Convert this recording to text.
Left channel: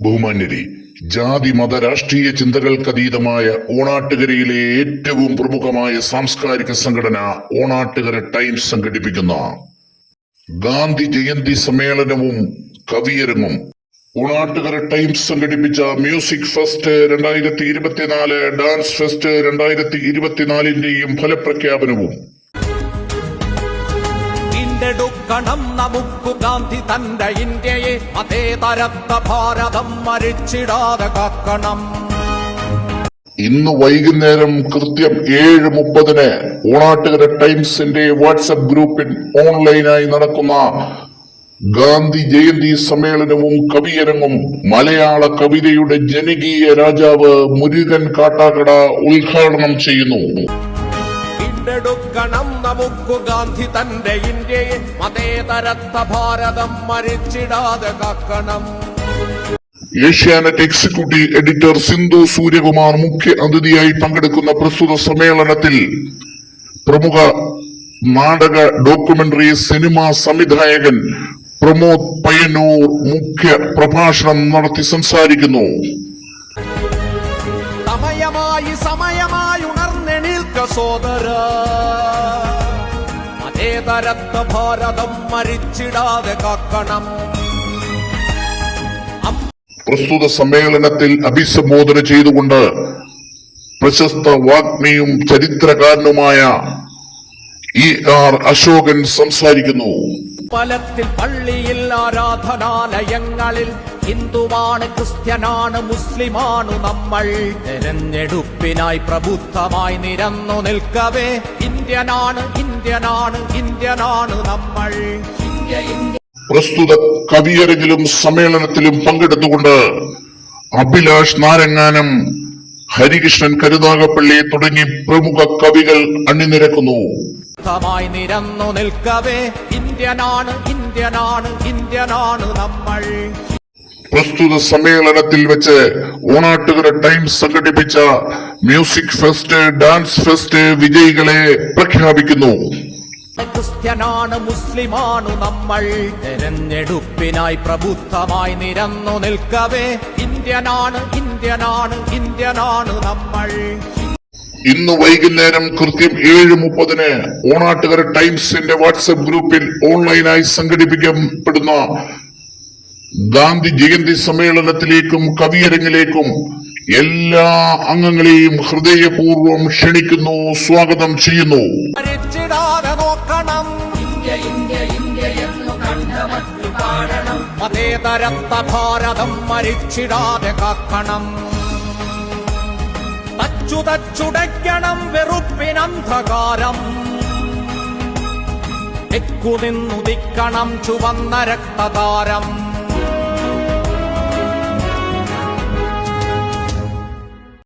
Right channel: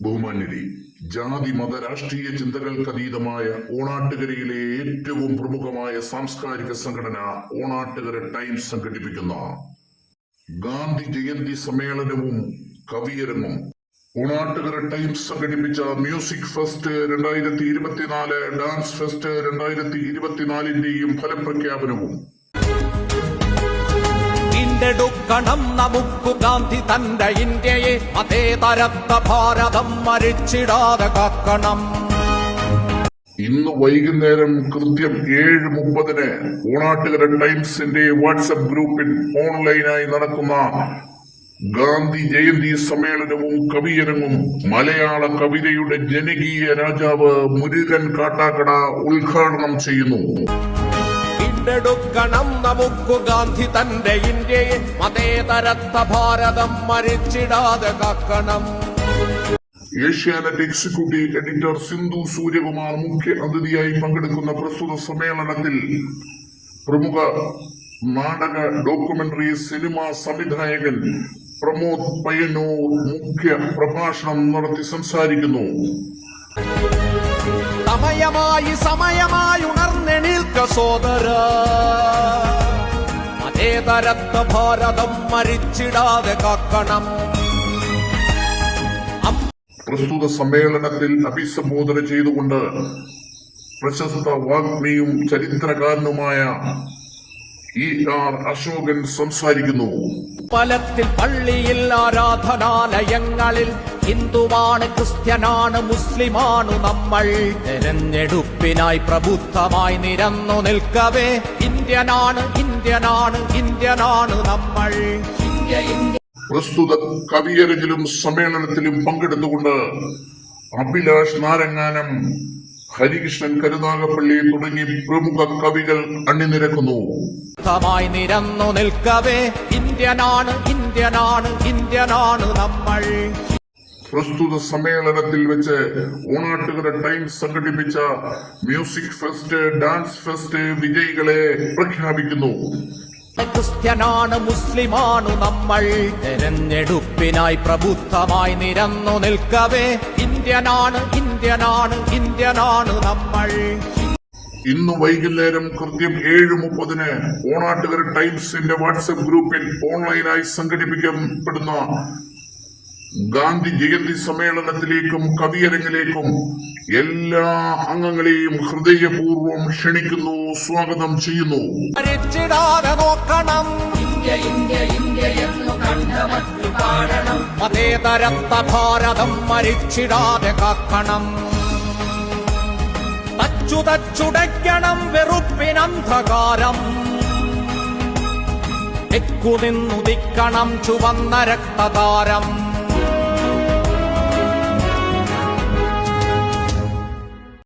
ബഹുമാന്യരെ, ജാതി മത രാഷ്ട്രീയ ചിന്തകൾക്കതീതമായ ഓണാട്ടുകരയിലെ ഏറ്റവും പ്രമുഖമായ സാംസ്കാരിക സംഘടന ഓണാട്ടുകര ടൈംസ് സംഘടിപ്പിക്കുന്ന ഗാന്ധി ജയന്തി സമ്മേളനവും കവിയരങ്ങും ഓണാട്ടുകര ടൈംസ് സംഘടിപ്പിച്ച മ്യൂസിക് ഫെസ്റ്റ് 2024 ഡാൻസ് ഫെസ്റ്റ് 2024ന്റെയും ഫലപ്രഖ്യാപനവും ണം നമുക്കു ഗാന്ധി തന്റെ ഇന്ത്യയെ മതേതരത്വ ഭാരതം മരിച്ചിടാതെ കാക്കണം. ഇന്ന് വൈകുന്നേരം കൃത്യം 7:30 ഓണാട്ടുകര ടൈംസിന്റെ വാട്സ്ആപ്പ് ഗ്രൂപ്പിൽ ഓൺലൈനായി നടക്കുന്ന ഗാന്ധി ജയന്തി സമ്മേളനവും കവിയരങ്ങും മലയാള കവിതയുടെ ജനകീയ രാജാവ് മുരുകൻ കാട്ടാക്കട ഉദ്ഘാടനം ചെയ്യുന്നു. ണം നമുക്കു ഗാന്ധി തന്റെ ഇന്ത്യയെ മതേതരത്വ ഭാരതം മരിച്ചിടാതെ കാക്കണം. ഏഷ്യാനെറ്റ് എക്സിക്യൂട്ടീവ് എഡിറ്റർ സിന്ധു സൂര്യകുമാർ മുഖ്യ അതിഥിയായി പങ്കെടുക്കുന്ന പ്രസ്തുത സമ്മേളനത്തിൽ പ്രമുഖ നാടക ഡോക്യുമെന്ററി സിനിമാ സംവിധായകൻ പ്രമോദ് പയ്യന്നൂർ മുഖ്യ പ്രഭാഷണം നടത്തി സംസാരിക്കുന്നു. സമയമായി ഉണർന്നെണീൽക്ക സോദര, മതേതരത്വ ഭാരതം മരിച്ചിടാതെ കാക്കണം. പ്രസ്തുത സമ്മേളനത്തിൽ അഭിസംബോധന ചെയ്തുകൊണ്ട് പ്രശസ്ത വാഗ്മിയും ചരിത്രകാരനുമായ ER അശോകൻ സംസാരിക്കുന്നു. പലത്തിൽ പള്ളിയിൽ ആരാധനാലയങ്ങളിൽ ഹിന്ദുവാണ്, ക്രിസ്ത്യനാണ്, മുസ്ലിമാണ് നമ്മൾ. തെരഞ്ഞെടുപ്പിനായി പ്രബുദ്ധമായി നിരന്നു നിൽക്കവേ ഇന്ത്യനാണ് നമ്മൾ. പ്രസ്തുത കവിയരങ്ങിലും സമ്മേളനത്തിലും പങ്കെടുത്തുകൊണ്ട് അഭിലാഷ് നാരങ്ങാനം, ഹരികൃഷ്ണൻ കരുനാഗപ്പള്ളി തുടങ്ങി പ്രമുഖ കവികൾ അണിനിരക്കുന്നു. നിരന്നു നിൽക്കവേ ഇന്ത്യനാണ് നമ്മൾ. പ്രസ്തുത സമ്മേളനത്തിൽ വെച്ച് ഓണാട്ടുകര ടൈംസ് സംഘടിപ്പിച്ച മ്യൂസിക് ഫെസ്റ്റ്, ഡാൻസ് ഫെസ്റ്റ് വിജയികളെ പ്രഖ്യാപിക്കുന്നു. ക്രിസ്ത്യനാണ്, മുസ്ലിമാണ് നമ്മൾ. തെരഞ്ഞെടുപ്പിനായി പ്രബുദ്ധമായി നിരന്നു നിൽക്കവേ ഇന്ത്യനാണ് നമ്മൾ. ഇന്ന് വൈകുന്നേരം കൃത്യം 7:30 ഓണാട്ടുകര ടൈംസിന്റെ വാട്സ്ആപ്പ് ഗ്രൂപ്പിൽ ഓൺലൈനായി സംഘടിപ്പിക്കപ്പെടുന്ന ഗാന്ധി ജയന്തി സമ്മേളനത്തിലേക്കും കവിയരങ്ങിലേക്കും എല്ലാ അംഗങ്ങളെയും ഹൃദയപൂർവ്വം ക്ഷണിക്കുന്നു, സ്വാഗതം ചെയ്യുന്നു. മതേതരത്വ ഭാരതം മരിച്ചിടാതെ കാക്കണം. തച്ചുടയ്ക്കണം വെറുപ്പിനന്ധകാരം. തെക്കുനിന്നുദിക്കണം ചുവന്ന രക്തതാരം.